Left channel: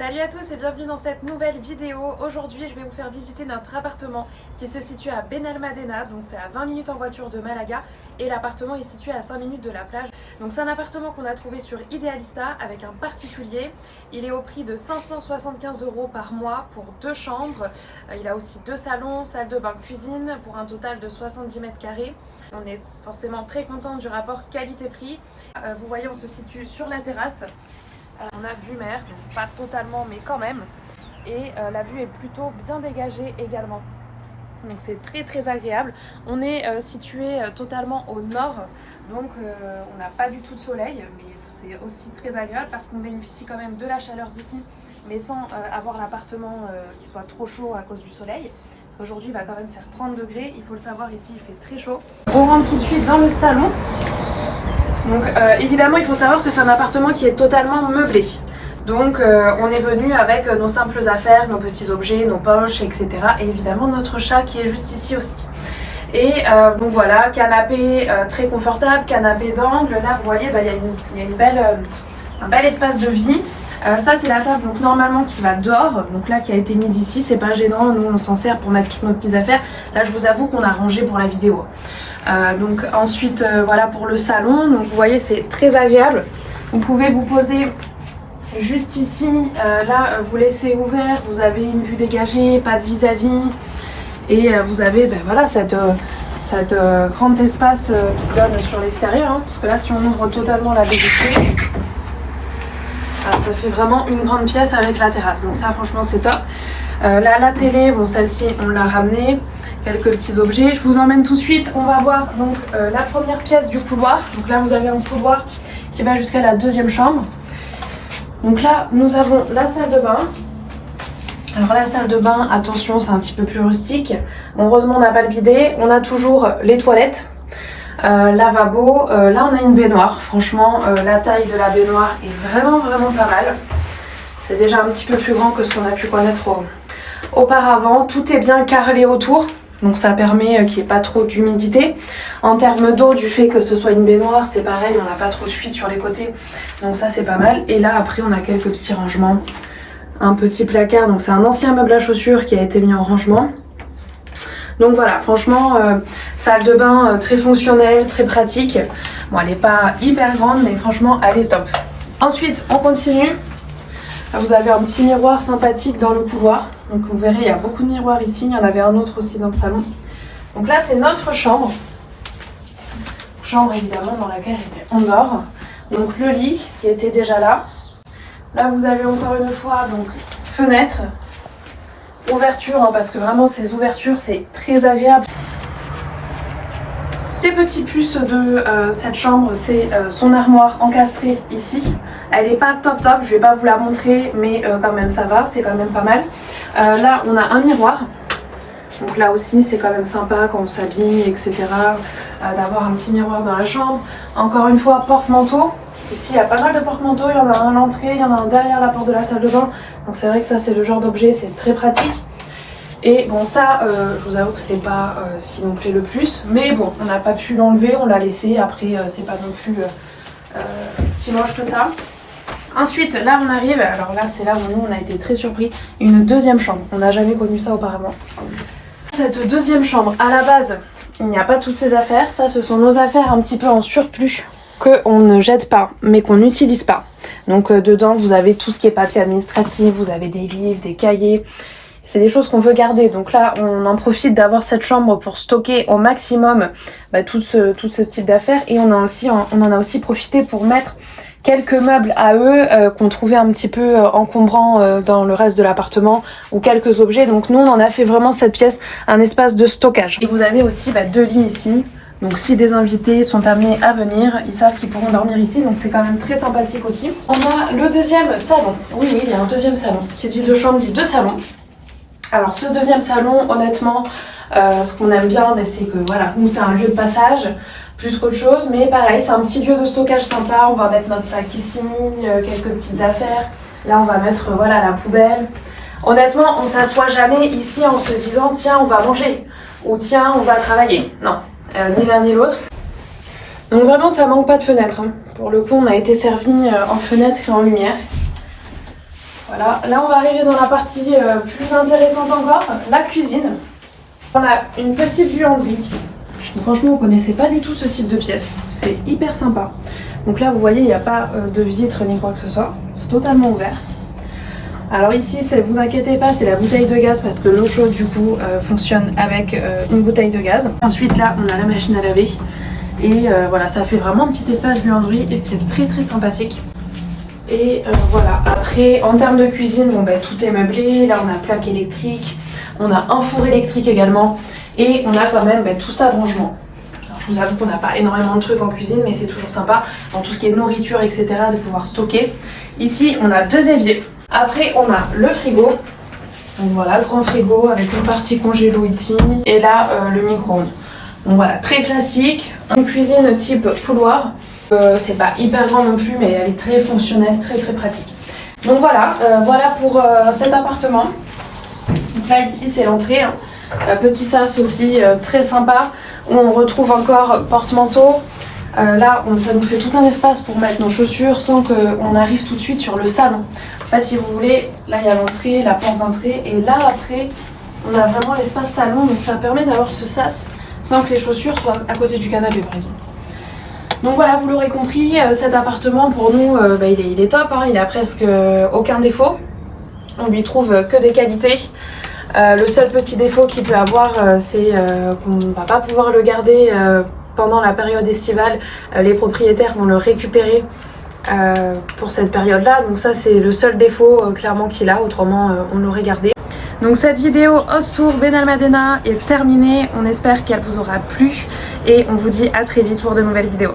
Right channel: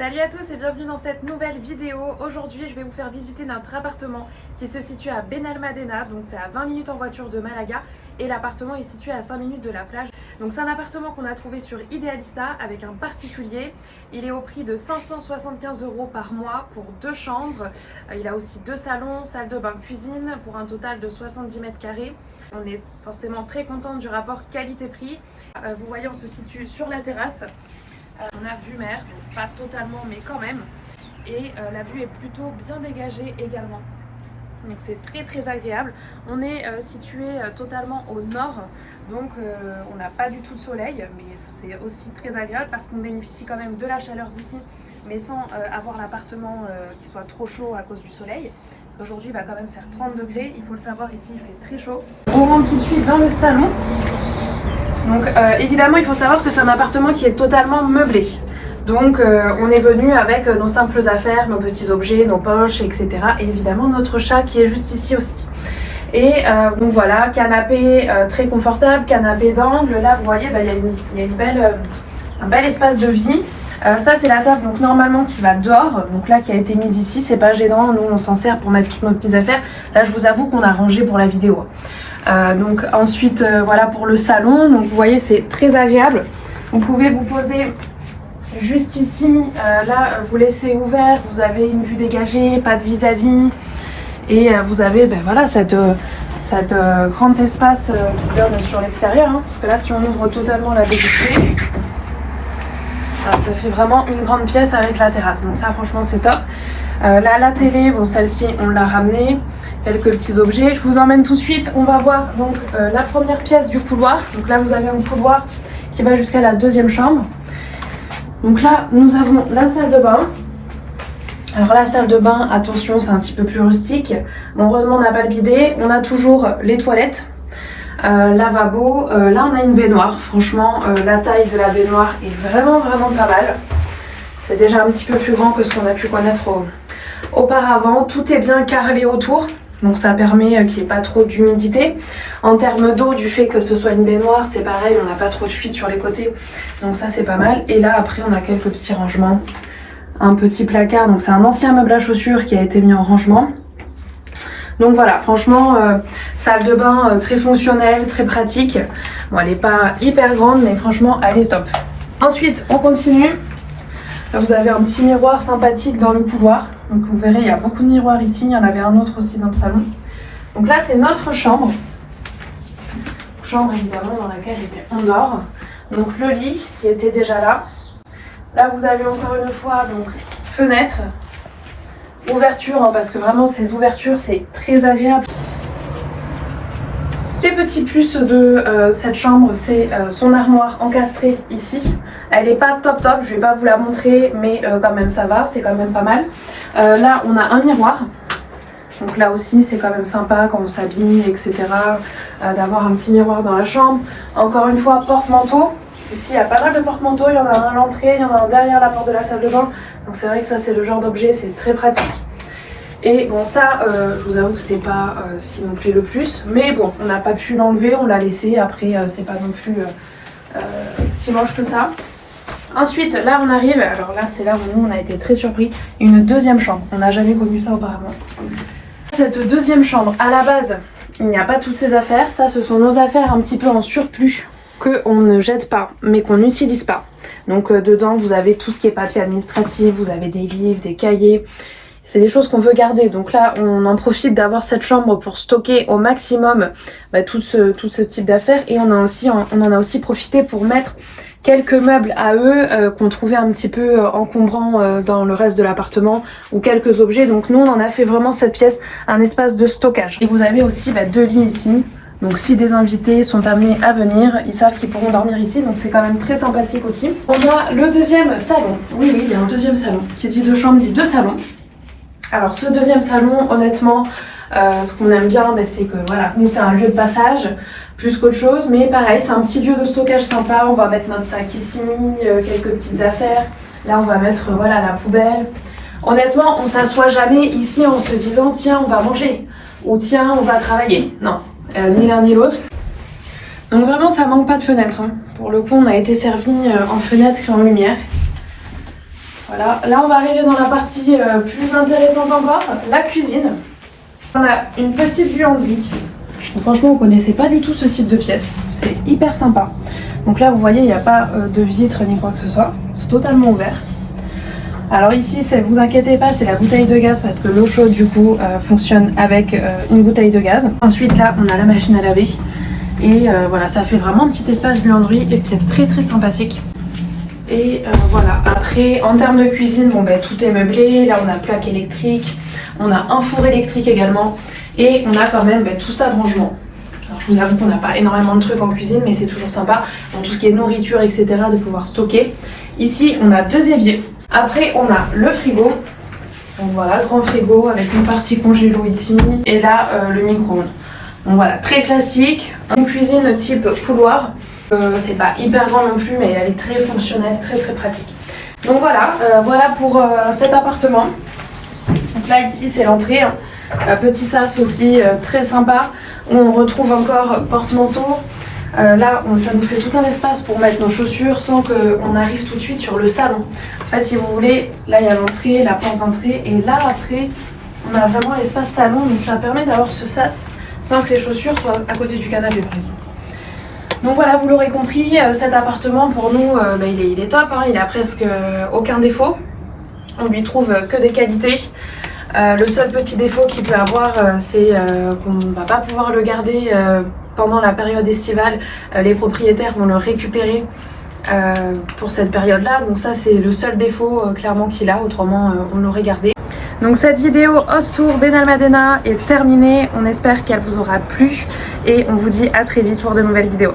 Salut à tous et bienvenue dans cette nouvelle vidéo. Aujourd'hui je vais vous faire visiter notre appartement qui se situe à Benalmádena, donc c'est à 20 minutes en voiture de Malaga et l'appartement est situé à 5 minutes de la plage. Donc c'est un appartement qu'on a trouvé sur Idealista avec un particulier. Il est au prix de 575 € par mois pour 2 chambres. Il a aussi 2 salons, salle de bain, cuisine pour un total de 70 mètres carrés. On est forcément très content du rapport qualité-prix. Vous voyez, on se situe sur la terrasse. On a vue mer, donc pas totalement mais quand même, et la vue est plutôt bien dégagée également, donc c'est très agréable. On est situé totalement au nord, donc on n'a pas du tout de soleil, mais c'est aussi très agréable parce qu'on bénéficie quand même de la chaleur d'ici, mais sans avoir l'appartement qui soit trop chaud à cause du soleil. Parce qu'aujourd'hui il va quand même faire 30 degrés, il faut le savoir, ici il fait très chaud. On rentre tout de suite dans le salon. Donc évidemment il faut savoir que c'est un appartement qui est totalement meublé. Donc on est venu avec nos simples affaires, nos petits objets, nos poches, etc. Et évidemment notre chat qui est juste ici aussi. Et donc voilà, canapé très confortable, canapé d'angle. Là vous voyez, il y a un bel espace de vie. Ça c'est la table donc normalement qui va dehors, donc là qui a été mise ici, c'est pas gênant, nous on s'en sert pour mettre toutes nos petites affaires. Là je vous avoue qu'on a rangé pour la vidéo. Donc ensuite voilà pour le salon, donc vous voyez c'est très agréable. Vous pouvez vous poser juste ici, là vous laissez ouvert, vous avez une vue dégagée, pas de vis-à-vis, et vous avez voilà cette grand espace qui donne sur l'extérieur, hein, parce que là si on ouvre totalement la baie vitrée, ça fait vraiment une grande pièce avec la terrasse, donc ça franchement c'est top. Là la télé, bon celle-ci on l'a ramenée, quelques petits objets. Je vous emmène tout de suite, on va voir donc la première pièce du couloir. Donc là vous avez un couloir qui va jusqu'à la deuxième chambre. Donc là nous avons la salle de bain. Alors la salle de bain, attention c'est un petit peu plus rustique. Bon, heureusement on n'a pas le bidet, on a toujours les toilettes. Lavabo, là on a une baignoire, franchement la taille de la baignoire est vraiment pas mal. C'est déjà un petit peu plus grand que ce qu'on a pu connaître auparavant. Tout est bien carrelé autour, donc ça permet qu'il n'y ait pas trop d'humidité. En termes d'eau, du fait que ce soit une baignoire, c'est pareil, on n'a pas trop de fuite sur les côtés, donc ça c'est pas mal. Et là après on a quelques petits rangements, un petit placard, donc c'est un ancien meuble à chaussures qui a été mis en rangement. Donc voilà, franchement, salle de bain très fonctionnelle, très pratique. Bon, elle n'est pas hyper grande, mais franchement, elle est top. Ensuite, on continue. Là, vous avez un petit miroir sympathique dans le couloir. Donc vous verrez, il y a beaucoup de miroirs ici. Il y en avait un autre aussi dans le salon. Donc là, c'est notre chambre. Chambre, évidemment, dans laquelle on dort. Donc le lit qui était déjà là. Là, vous avez encore une fois, donc, fenêtre. Ouverture, hein, parce que vraiment ces ouvertures c'est très agréable. Les petits plus de cette chambre, c'est son armoire encastrée ici. Elle n'est pas top, je vais pas vous la montrer, mais quand même ça va, c'est quand même pas mal. Là on a un miroir, donc là aussi c'est quand même sympa quand on s'habille, etc. D'avoir un petit miroir dans la chambre. Encore une fois, porte-manteau. Ici il y a pas mal de porte-manteaux, il y en a un à l'entrée, il y en a un derrière la porte de la salle de bain. Donc c'est vrai que ça c'est le genre d'objet, c'est très pratique. Et bon ça, je vous avoue que c'est pas ce qui nous plaît le plus. Mais bon, on n'a pas pu l'enlever, on l'a laissé. Après c'est pas non plus si moche que ça. Ensuite là on arrive, alors là c'est là où nous on a été très surpris. Une deuxième chambre, on n'a jamais connu ça auparavant. Cette deuxième chambre, à la base, il n'y a pas toutes ces affaires. Ça ce sont nos affaires un petit peu en surplus, qu'on ne jette pas, mais qu'on n'utilise pas. Donc dedans, vous avez tout ce qui est papier administratif, vous avez des livres, des cahiers. C'est des choses qu'on veut garder. Donc là, on en profite d'avoir cette chambre pour stocker au maximum tout ce type d'affaires. Et on en a aussi profité pour mettre quelques meubles à eux qu'on trouvait un petit peu encombrants dans le reste de l'appartement, ou quelques objets. Donc nous, on en a fait vraiment cette pièce un espace de stockage. Et vous avez aussi 2 lits ici. Donc si des invités sont amenés à venir, ils savent qu'ils pourront dormir ici, donc c'est quand même très sympathique aussi. On a le deuxième salon. Oui, il y a un deuxième salon. Qui dit 2 chambres dit 2 salons. Alors ce deuxième salon, honnêtement, ce qu'on aime bien, c'est que voilà, nous c'est un lieu de passage, plus qu'autre chose, mais pareil, c'est un petit lieu de stockage sympa. On va mettre notre sac ici, quelques petites affaires. Là on va mettre voilà la poubelle. Honnêtement, on s'assoit jamais ici en se disant tiens on va manger ou tiens on va travailler. Non. Ni l'un ni l'autre. Donc vraiment ça manque pas de fenêtre, hein. Pour le coup on a été servi en fenêtre et en lumière. Voilà, là on va arriver dans la partie plus intéressante encore, la cuisine. On a une petite buanderie. Donc, franchement, on connaissait pas du tout ce type de pièce. C'est hyper sympa. Donc là, vous voyez, il n'y a pas de vitre ni quoi que ce soit. C'est totalement ouvert. Alors ici, vous inquiétez pas, c'est la bouteille de gaz parce que l'eau chaude du coup fonctionne avec une bouteille de gaz. Ensuite là, on a la machine à laver. Et voilà, ça fait vraiment un petit espace buanderie et qui est très très sympathique. Et voilà, après en termes de cuisine, bon, ben, tout est meublé. Là on a plaque électrique, on a un four électrique également. Et on a quand même tout ça de rangement. Alors, je vous avoue qu'on n'a pas énormément de trucs en cuisine, mais c'est toujours sympa dans tout ce qui est nourriture, etc. de pouvoir stocker. Ici on a 2 éviers. Après on a le frigo. Donc voilà, grand frigo avec une partie congélo ici. Et là le micro-ondes. Donc voilà, très classique. Une cuisine type couloir. C'est pas hyper grand non plus, mais elle est très fonctionnelle, très très pratique. Donc voilà, voilà pour cet appartement. Donc là ici c'est l'entrée. Petit sas aussi très sympa où on retrouve encore porte-manteau. Là ça nous fait tout un espace pour mettre nos chaussures sans qu'on arrive tout de suite sur le salon. En fait si vous voulez, là il y a l'entrée, la porte d'entrée et là après on a vraiment l'espace salon, donc ça permet d'avoir ce sas sans que les chaussures soient à côté du canapé par exemple. Donc voilà, vous l'aurez compris, cet appartement pour nous il est top, hein, il a presque aucun défaut. On lui trouve que des qualités. Le seul petit défaut qu'il peut avoir, c'est qu'on ne va pas pouvoir le garder pendant la période estivale. Les propriétaires vont le récupérer pour cette période-là. Donc ça, c'est le seul défaut clairement qu'il a. Autrement, on l'aurait gardé. Donc cette vidéo Ostour Benalmádena est terminée. On espère qu'elle vous aura plu. Et on vous dit à très vite pour de nouvelles vidéos.